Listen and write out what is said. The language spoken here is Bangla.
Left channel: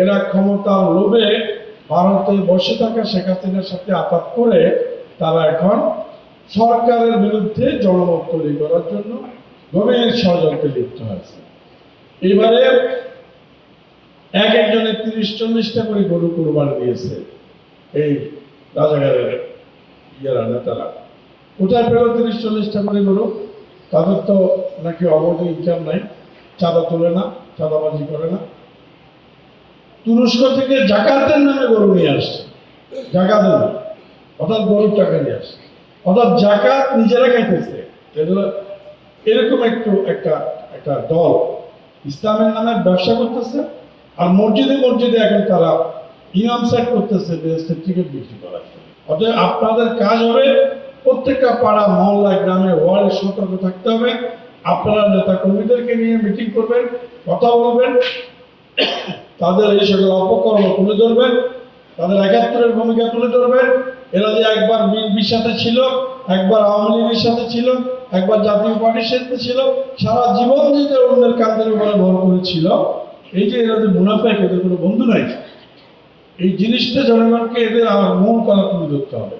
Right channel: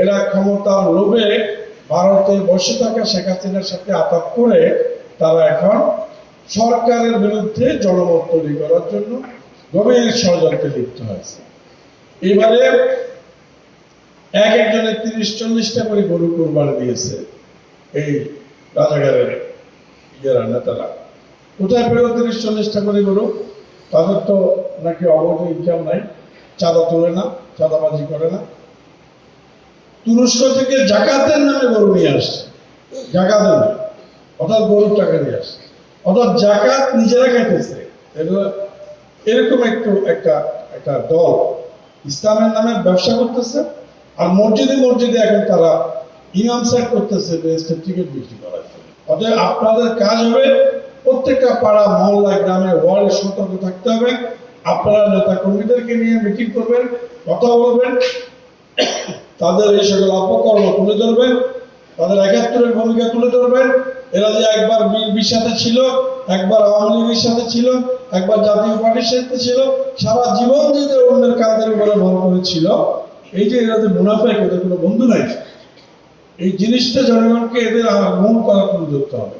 এরা ক্ষমতার লোভে ভারতে বসে থাকা শেখ হাসিনার সাথে আঘাত করে তারা এখন সরকারের বিরুদ্ধে জনমত তৈরি করার জন্য গভীর ষড়যন্ত্রে লিপ্ত হয়েছে। এবারে একজনে 30-40টা করে গরু কোরবানি দিয়েছে এই রাজাকারের নেতারা। কোথায় পেল 30-40টা করে গরু? তাদের তো নাকি অবৈধ ইনকাম নাই, চাঁদা তুলে না, চাঁদাবাজি করে না। তুরস্ক থেকে জাকাতের নামে গরু নিয়ে আসছে, জাকাতের নামে, অর্থাৎ গরুর টাকা নিয়ে আসছে, অর্থাৎ জাকাত নিজেরা খাইতেছে। এরকম একটা দল ইসলামের নামে ব্যবসা করতেছে, আর মসজিদে মসজিদে এখন তারা ইমাম সেট করতেছে টিকিট বিক্রি করার জন্য। অতএব আপনাদের কাজ হবে প্রত্যেকটা পাড়া, মহল্লা, গ্রামে, ওয়ার্ডে সতর্ক থাকতে হবে। আপনারা নেতা কর্মীদেরকে নিয়ে মিটিং করবেন, কথা বলবেন, তাদের এই সকল অপকর্ম তুলে ধরবেন, তাদের ৭১-এর ভূমিকা তুলে ধরবেন। এরা যে একবার বিএনপির সাথে ছিল, একবার আওয়ামী লীগের সাথে ছিল, একবার জাতীয় পার্টির সাথে ছিল, সারা জীবন যে অন্যের কাঁধের উপরে ভর করেছিল, এই যে এরা তো মুনাফেক, এদের কোনো বন্ধু নাই। এই জিনিসটা জনগণকে এদের মূল কথা তুলে ধরতে হবে।